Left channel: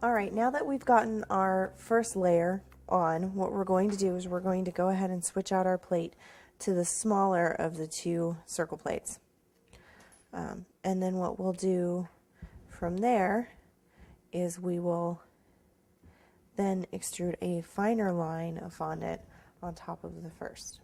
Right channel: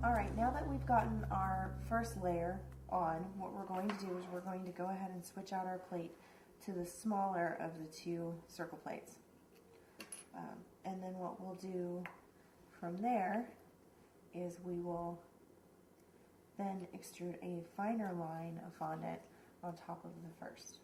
Alright, now that we've gotten our first layer on, what we're going to do is we're going to go ahead and switch out our plate to the smaller of the two circle plates. And then what we'll do from there is we will then extrude a finer line of fondant on top of the first.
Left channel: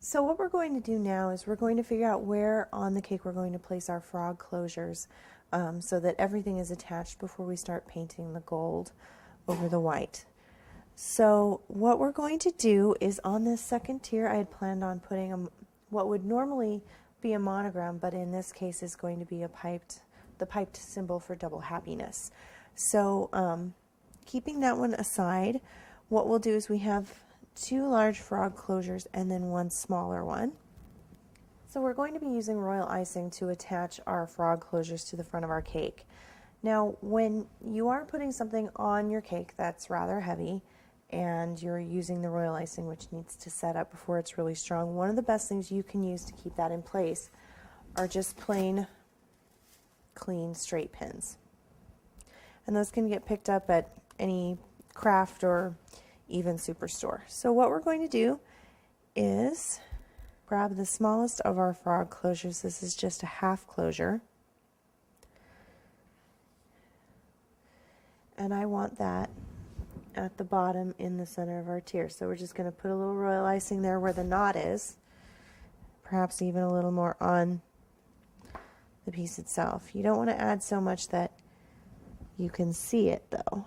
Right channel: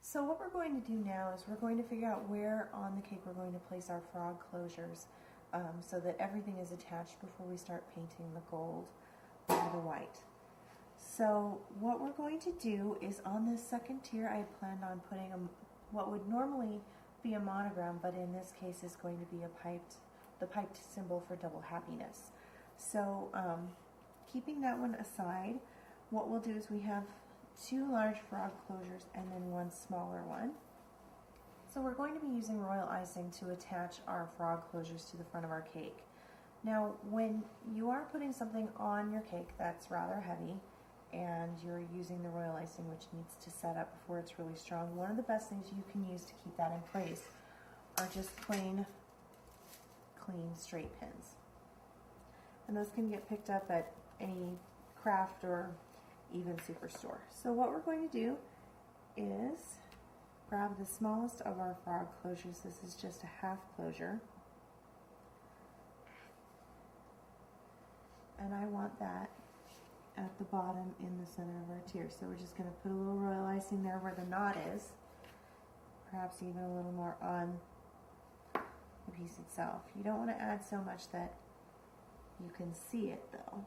So what we're going to do now is we're going to figure out where on the cake we're going to place our frog closures so that everything is attached before we start painting the gold over the white. So what we're going to do is on this second tier I had planned on putting what would normally be a monogram, but in this case is going to be the piped symbol for double happiness. So keeping that one aside, what we'll do is we have two large frog closures and then one smaller one. So we're going to be using royal icing to attach our frog closures to the front of our cake. Now when you are putting something on your cake that's rather heavy and you're using the royal icing, which needs to set up before it's really strong, one of the best things you can use to keep that in place are just plain clean straight pins. And those can get picked up at any craft or even superstore. So what we're going to do is grab the smallest of our frog closures. This is just a half closure. And I want that at the bottom in the center of our tier. So we're just going to put a little royal icing there where the knot is, perhaps even a little more on the piece itself. You don't want to add so much that you can see it though.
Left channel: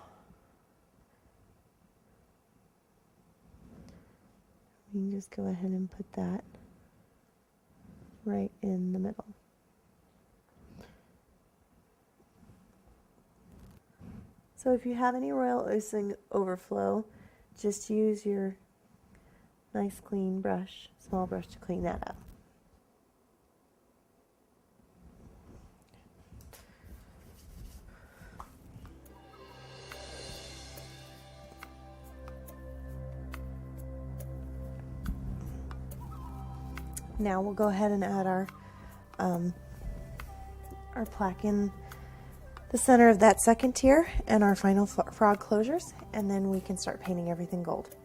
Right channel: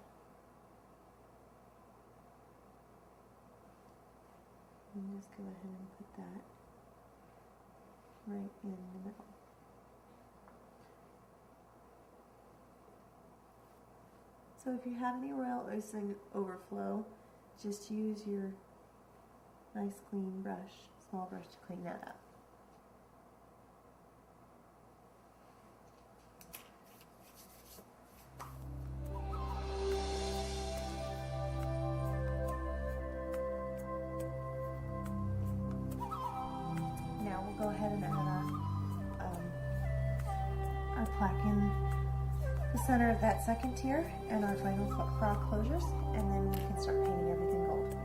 You can just go ahead and put that right in the middle. So if you have any royal icing overflow, just use your nice clean brush, small brush, to clean that up. Now we'll go ahead and add our plaque in the center of that second tier and our final frog closures, and then we can start painting everything gold.